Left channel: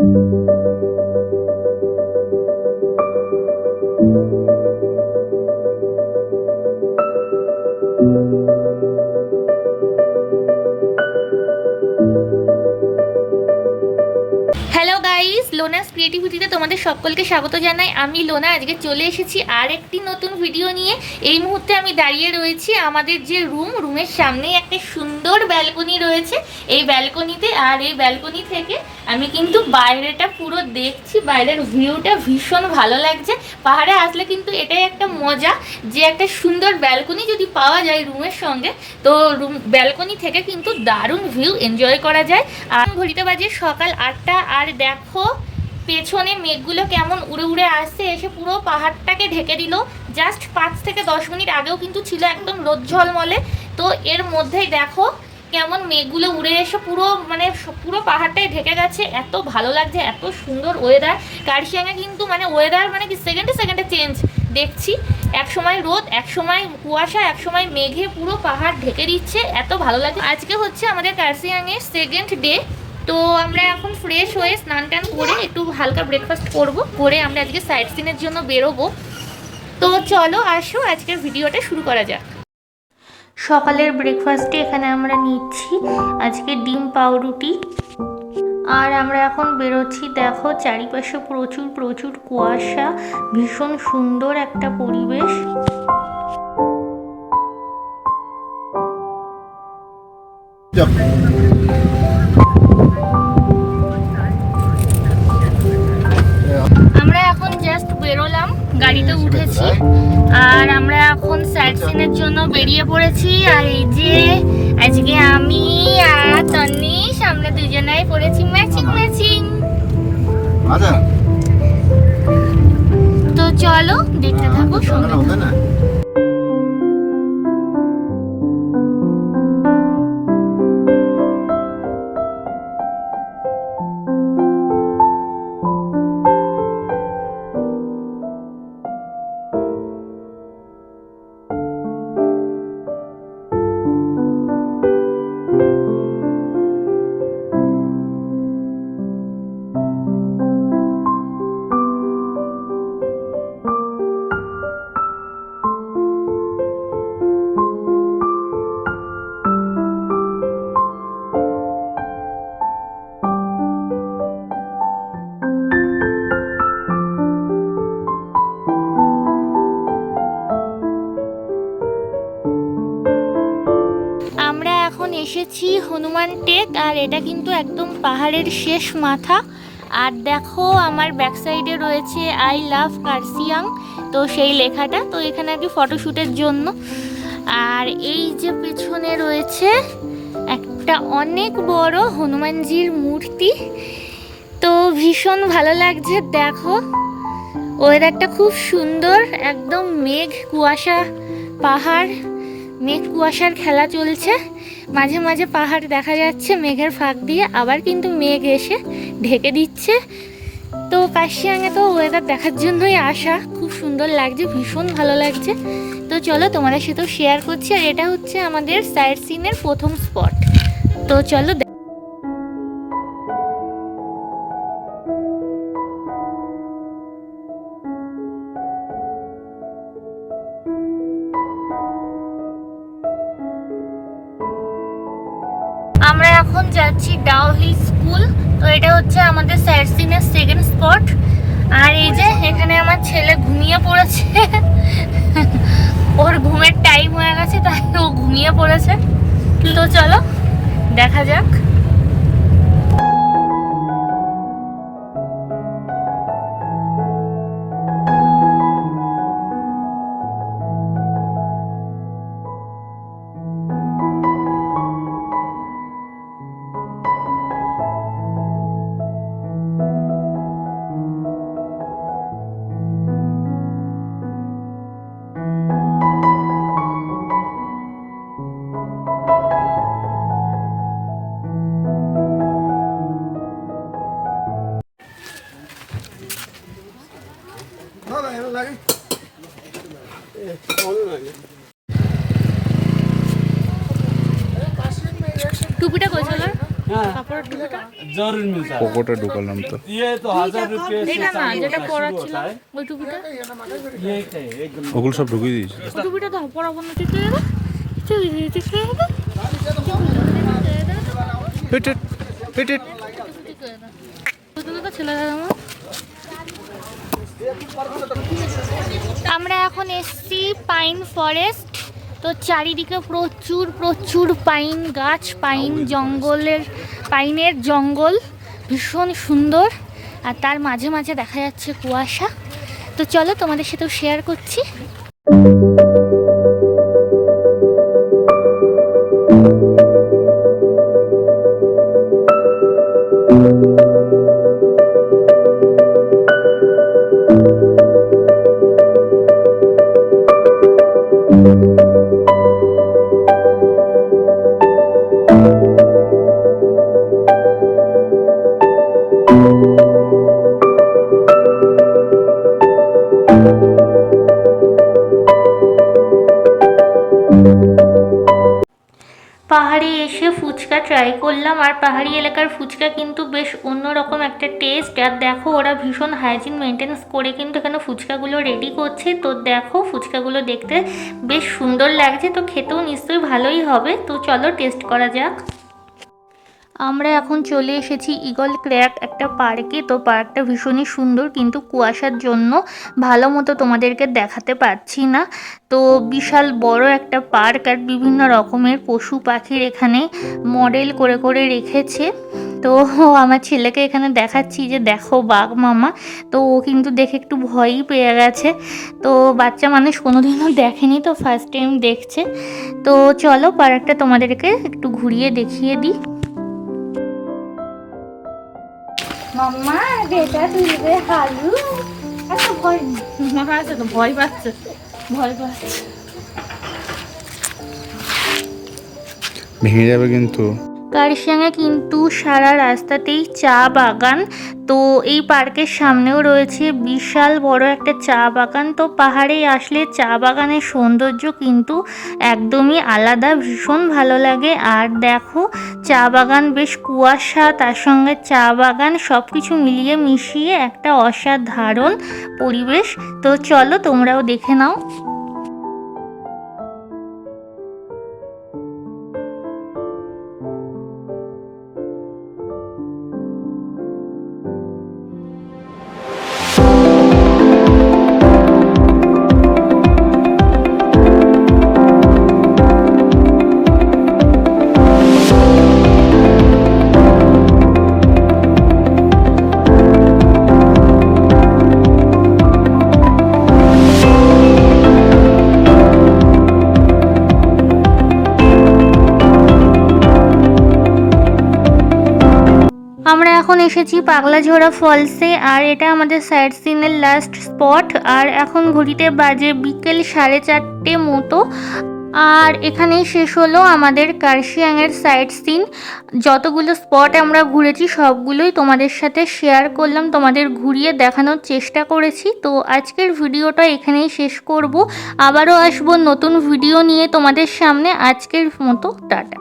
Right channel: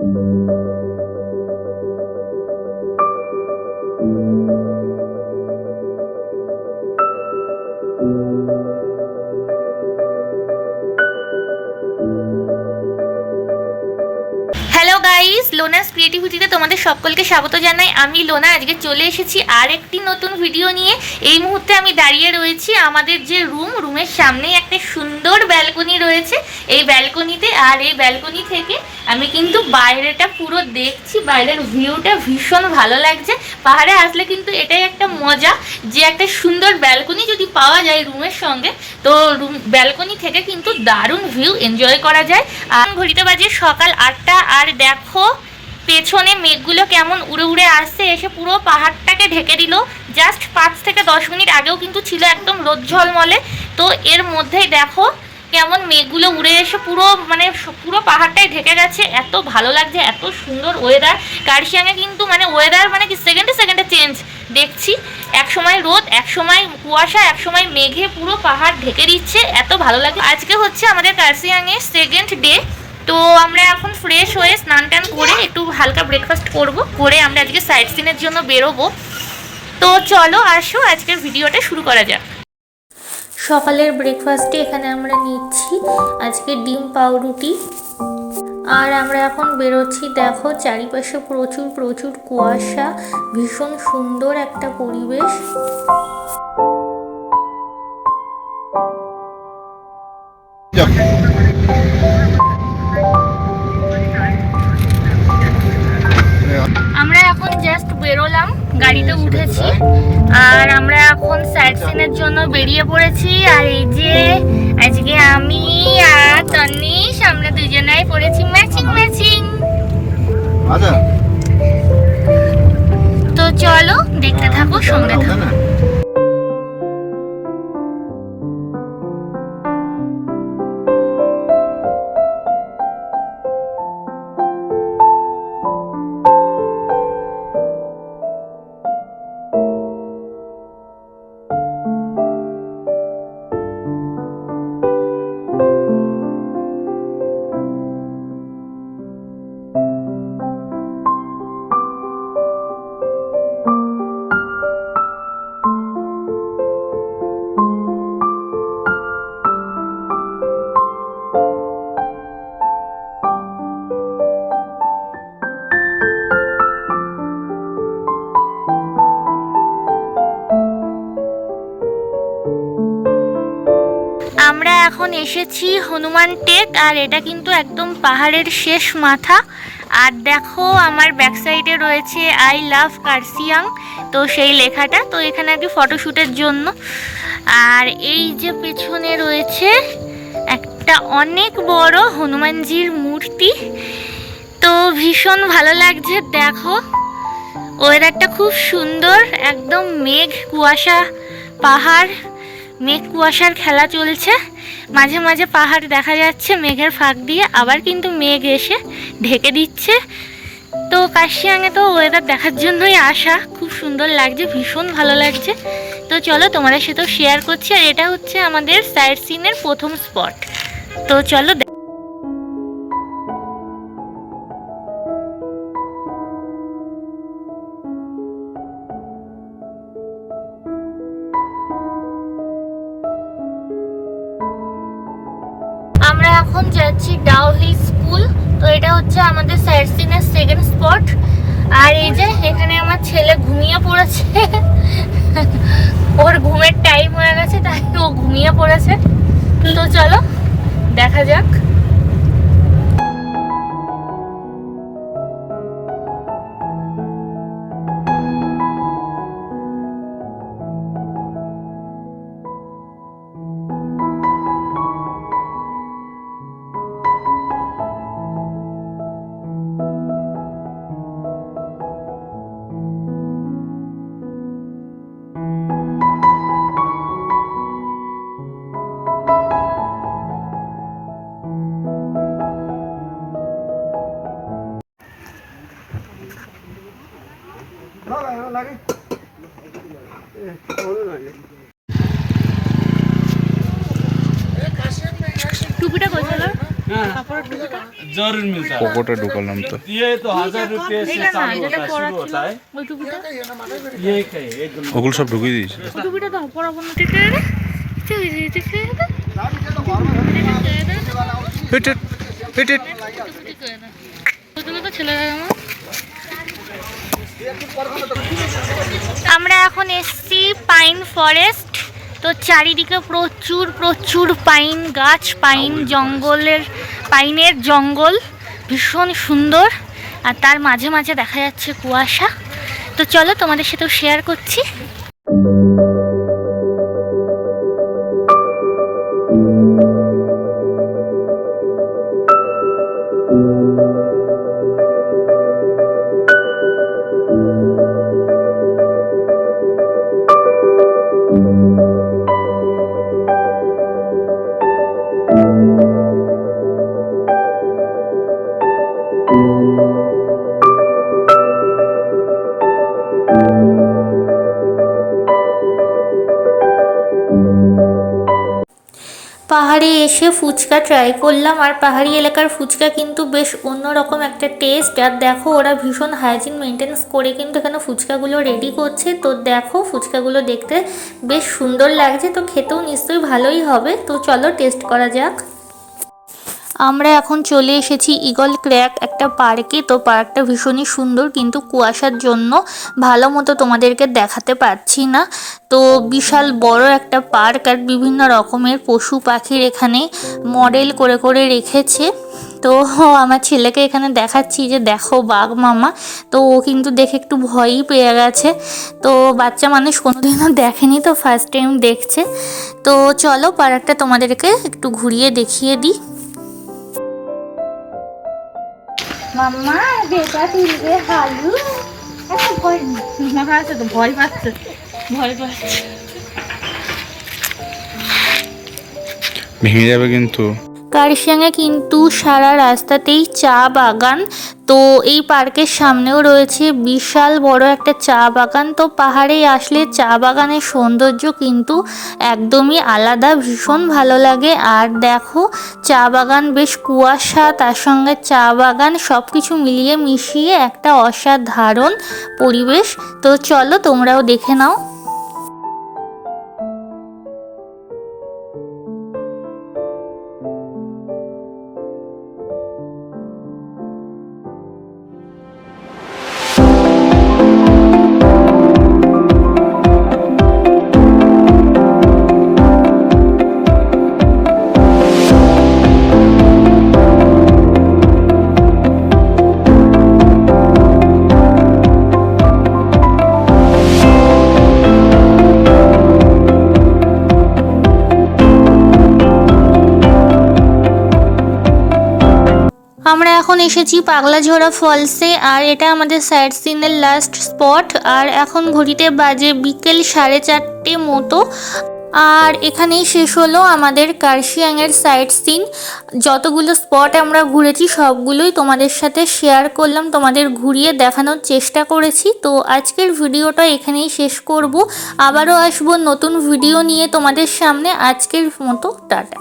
Thank you. লোনাস ক্রিয়েটিভিটিতে তোমাদের সকলকে স্বাগত জানাই। আমি লোনা, আজকে চলে এসেছি আর একটি নতুন ভিডিও নিয়ে। এই মুহূর্তে আমি দাঁড়িয়ে রয়েছি আমাদের যে রুম, রুমের সামনেই একটা সুন্দর ব্যালকনি রয়েছে। এই ব্যালকনিতে আর এই ব্যালকনি থেকে আমি কিন্তু বাইরেটা পুরো দেখছি, বাইরের ভিউটা ভীষণ ভালো লাগছে। পাহাড়ে আসলে কিন্তু এটাই একটা মজা যে একটা সুন্দর ব্যালকনি যদি পাওয়া যায় রুমের সঙ্গে, তো রুম, ব্যালকনি থেকে কিন্তু দারুণ ভিউ এনজয় করা যায়। আর ঘড়িতে বাজে সকাল আটটা, আর দেখো পেছনে মেঘগুলো কেমন উড়ে উড়ে আসছে, এসে পুরো পাহাড়টাকে ঢেকে দিল। জাস্ট পাঁচ থেকে দশ মিনিট আগেও কিন্তু ছিল একদম রোদ ঝলমলে তো এর মধ্যেই দেখো কেমন মেঘগুলো উড়ে এসে পুরো মানে পুরো পাহাড়টাই ঢেকে গেছে। এত ভালো লাগছে, এত সুন্দর ওয়েদার কার্শিয়াঙে কিন্তু মানে ওয়েদার মানে কি সেকেন্ডে সেকেন্ডে চেঞ্জ দেখছি। এক সময় রোদ, এক সময় কুয়াশা, এক সময় মেঘে পুরো পাহাড় ঢেকে দিচ্ছে। এত ভালো লাগে আজকে হচ্ছে আমাদের কার্শিয়াঙের সেকেন্ড ডে তো আমরা এখন ফ্রেশ হয়ে স্নান টান করে একটু হালকা ব্রেকফাস্ট করব করে আমরা আজকে সাইট সিনের জন্য বেরোবো। তো চলো আসো আজকের ভিডিওটা শুরু করা যাক। সকালের ব্রেকফাস্টে এখানে আমরা নিচ্ছি আজকে ডিম পাউরুটি। আর আমরা এখন বেরোচ্ছি দেখো চারিপাশে প্রচুর প্রচুর কুয়াশা ভীষণ সুন্দর একটা পরিবেশ। আমরা এখন জাস্ট বেরোলাম গাড়িতে উঠেছি। আর আমরা এখন সাইট সিনের জন্য বেরিয়ে পড়েছি। আর এই যে আজকে আমি আর তন্নিশ আমরা দুজনাই পড়েছি ম্যাচিং ম্যাচিং আচ্ছা। তো চলো দেখতে থাকো সঙ্গে থাকো। এখন এসেছি হনুমান টেক, আর এটা কিন্তু একদম পাহাড়ের শেষ মাথা। আর দেখো, আমার ব্যাক সাইডে রয়েছে আই লাভ কার্সিয়াং, তো সেই লেখাটা, তো এখানে আর কি ফটোশ্যুটের জন্য। আর এই যে পেছনে রয়েছে একটা অনেক বড় হনুমানজির মূর্তি। তো ভীষণ ভালো লাগছে, দেখো। ওয়েদারটা খুব সুন্দর, একদম মেঘ, কুয়াশা, পাহাড়। মেঘ কুয়াশার খেলা চলছে। মাঝে মাঝে পাহাড় দেখা যাচ্ছে, মেঘের ফাঁক দিয়ে আবার কিন্তু মেঘ এসে ঢেকে দিচ্ছে। তো কাশিয়াঙে তো ওয়েদার দেখার জন্যই আসা। খুব সুন্দর লাগছে, ভীষণ ভালো লাগছে। তো চলো তোমাদের সাথেও শেয়ার করছি। আর এটা হচ্ছে আমাদের সাইড সিনের প্রথম স্পট তো চলো এখন যাচ্ছি ডাও হিল স্কুল তো এটা হচ্ছে আমাদের সিনের সেকেন্ড স্পট আর এই যে এখানে আমার ছেলে ঘুমিয়ে পড়েছে। ওর ঘুমের টাইম হয়ে গেছে, তাই ও ঘুমিয়ে পড়েছে। তো চলো, দেখা যাক। লাগে। ঢুকালাম তো। ওগুলো সব ঢুকিয়ে দিয়েছি। ছেলেরা আমরা এখন এসছি পাইন ফরেস্ট। তো চারিদিকে প্রচুর প্রচুর পাইন গাছ পাইন জঙ্গলের পাইনের জঙ্গল ভীষণ সুন্দর। আর তার মাঝে মাঝে দেখা যাচ্ছে কুয়াশা। তো চলো তোমাদের সাথেও শেয়ার করছি। এসে ফুচকা ট্রাই করলাম। আর পাহাড়ি এলাকার ফুচকা কিন্তু বেশ অন্যরকম একটা টেস্ট আর দেখো, ওরা ভীষণ হাইজিন মেনটেন্স করে কিন্তু এখানে ফুচকাগুলো রেডি করছে। তো দেখো, ফুচকাগুলো দেখতে বেশ সুন্দর লাগছে। তো খেতেও নিশ্চয়ই ভালোই হবে। তো চলো টেস্ট করা যাক। আমরা এখন চলে এসেছি ইগল ক্র্যাক একটা পার্কে। তো পার্কটা ভীষণই সুন্দর, কিন্তু কুয়াশার জন্য ভালো মতো তোমাদেরকে দেখাতে পারছি না। তো বিশাল বড় একটা পার্ক আর বিভিন্ন রকমের পশু পাখির এখানে মডেল করে করে রেখেছে। তো আমার ছেলেকে এখানে দেখাচ্ছি যে দেখো বাঘ মামা। তো ও কিন্তু দেখে একটু ভয়ই পেয়ে গেছে। তো বাচ্চা মানুষ কোনোদিনও দেখেনি তো ফার্স্ট টাইম দেখছে। তো চলো পার্কটা তোমাদেরকে একটু ঘুরিয়ে দেখিয়ে দিই। মাম্মা বেটা তুলবে হালু। এত ভয় আছে তো ভয় পাচ্ছে। ভয় পাচ্ছে। ভেঙে যাবে কিন্তু। কারিশিয়াঙে কিন্তু সারা রাস্তাতেই চা বাগান তো এই পার্কের সামনেও রয়েছে বিশাল বড় একটা চা বাগান। তো পাহাড়ে আসলে চা বাগানের সৌন্দর্য কিন্তু একদমই আলাদা, ভীষণ ভালো লাগে। আর দেখো, চা বাগান বেশ কুয়াশা, তার সঙ্গে চা বাগান সব কিছু মিলিয়ে মিশিয়ে একটা অসাধারণ পরিবেশ। তো চলো তোমরাও দেখে নাও। এসেছি পাগলাঝোড়া ফলসে, আর এটা আমাদের সাইড সিনের লাস্ট স্পট আর এখন ঘড়িতে বাজে বিকেল সাড়ে চারটে মতো। আর এখানেই শেষ হলো আমাদের কার্শিয়াংয়ের সাইড সিন যতগুলো স্পট আমরা ঘুরেছি, সবগুলোই তোমাদের সাথে শেয়ার করলাম, তোমাদের ঘুরিয়ে দেখানোর চেষ্টা করেছি। তো আজকের ভিডিওটা এখানেই শেষ করব। আবারও আসব নতুন ভিডিও নিয়ে তোমাদের সামনে। আজকের মতো, টাটা।